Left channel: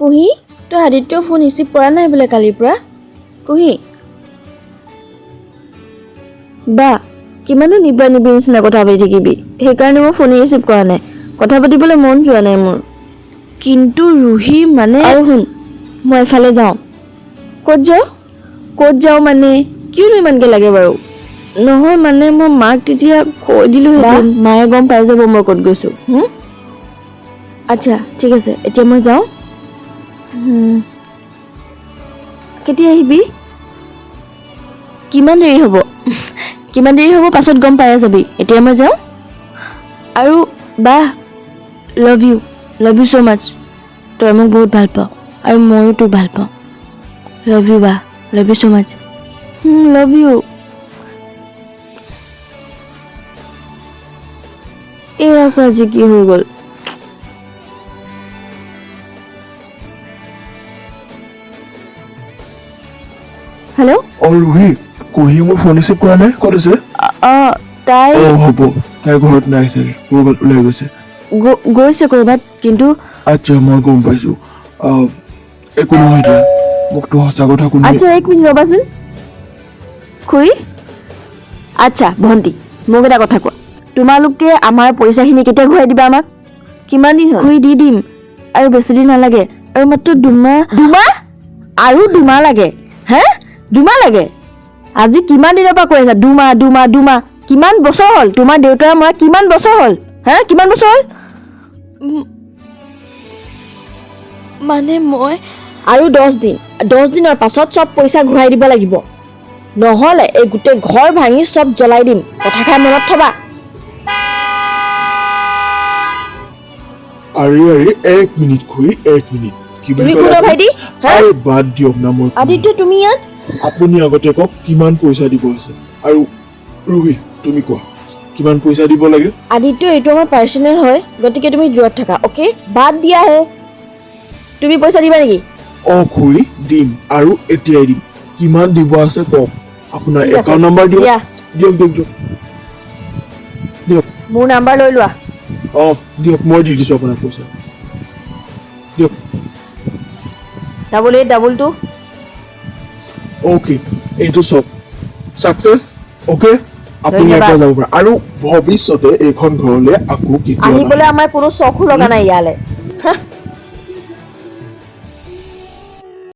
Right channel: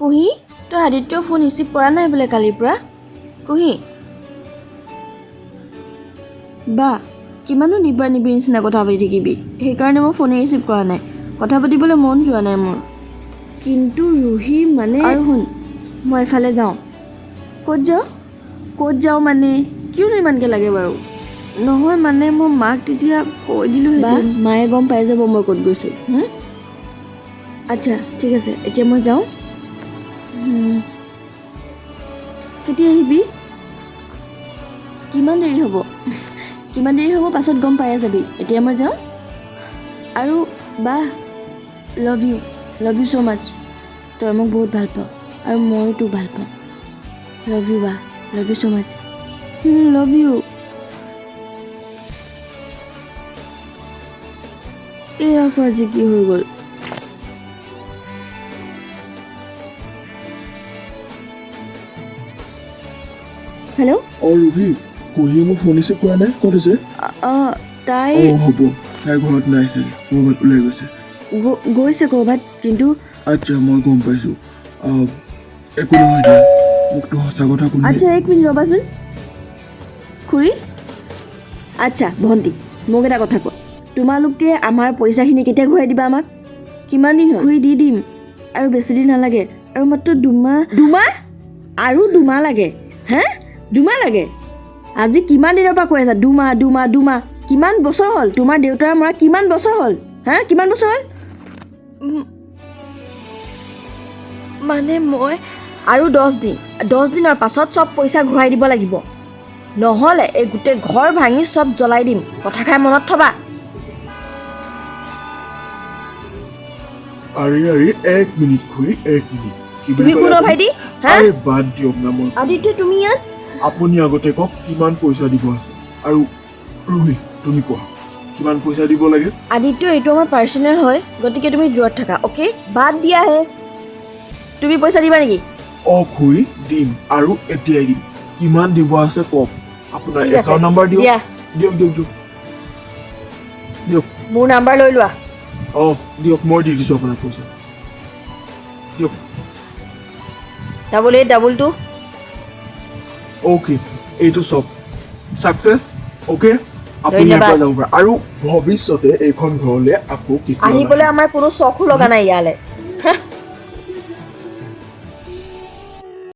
কুহি তই Aditya phone receive কৰা নাই বোলে কালিৰ পৰা কুহি বা কিমানো নিবা নিবি নিচিনা কথা পাতি থাকিবি সেইকাৰণে মই ফোন ৰিচিভ কৰা নাই কথা পাতিবলৈ মন যোৱা নাই মোৰ কিন্তু ৰুহি মানে আৰু শুন মই এফালে যাওঁ ক'ত যাওঁ মানে কিয়নো ইমানকৈ লাগে বাৰু নহয় মানে মই মাক তেতিয়া কৈ দিলোঁ মায়ে গম পাই যাব মই ক'ত গৈছোঁ আচ্ছা ঠিক আছে এতিয়া মই যাওঁ কেতিয়া আহিবি কিমান দেৰি হ'ব পাছত গম পাই যাবি এতিয়া মই যাওঁ আৰু বা লাভ ইউ ছ' মাছ তই মোক বহুত ভাল পাওঁ আৰু ময়ো তোক ভাল পাওঁ লাভ ইউ বা love you so' much love you এয়া আজি কি হৈ গ'ল হেল্ল' ৰুহি কুহি মোৰ ফোন ৰিচিভ কৰা নাই ক'ত আছে তাই হ'ব তাই ঘৰত নাই চাগে ক'ৰবাত ওলাই গৈছে গৈছে ক'ৰবাত কিন্তু আচ্ছা মই গম পাইছোঁ একো নহয় দিয়া মোকতো সঁচা কথা কোনে আচ্ছা এক মিনিট ৰ'বাচোন খুৰী আচ্ছা ভণ্টি মোক এটা কথা কোৱা তোমালোকে আমাৰ পইচাখিনি কেতিয়া ঘূৰাই দিবা আমাক কিমান দিন হ'ল খুৰী দি দিম আৰু বেছি দিন নালাগে আৰু মাত্ৰ দুমাহ আৰু দুমাহ লাগে হে দুমাহ লাগে আজি কিমান দিনৰ পৰা কৈ আছা দুমাহ কিমান বছৰ হ'ল তোমাৰ দেউতাৰ মই কিমান বছৰ হ'ল হে কিমান বছৰ হ'ল মানে মই আৰু 10 দিনৰ পাছত চব পইচা ঘূৰাই দিব লাগিব নহ'লে এই গোটেই ঘৰ ভাঙি চব জ্বলাই দিম কথাষাৰ মনত থবা আৰে এক মিনিট খুৰী এক মিনিট কি তুমি কোন ভাইটি হে বাদ দিয়ক না মই আদিত্য তুমি ইয়াত আপুনি আগতে কওক কিমান পইচা দিব আছে আৰু ৰুহি তুমি কোৱা কিমান পইচা দিব লাগে আদিত্য এইটো আমাৰ পাৰ্চনেল হয় গতিকে তুমি দূৰত থাকা অ'কে বাদ দিয়া হে তুমি পইচা দিবা নেকি খুৰী দিম আৰু এতিয়াই দিম কিমান দিব আছে কওক আপোনাৰ একাউণ্ট নম্বৰ দিয়ক দিয়ক মোৰ নাম্বাৰ লৈ লোৱা দিয়ক মই দি দিছোঁ আপোনাৰ পইচা দিয়ক 8822 অ'কে এইটো চব ছাকচেছ অ'কে আপুনি ধন্যবাদ। ইয়াৰ পৰা যাব পাৰে আৰু ভৱিষ্যতে এইখন ঘৰলৈ আকৌ আহিবলৈ আমাৰ কোনো চখো লগা নাই ইয়ালৈ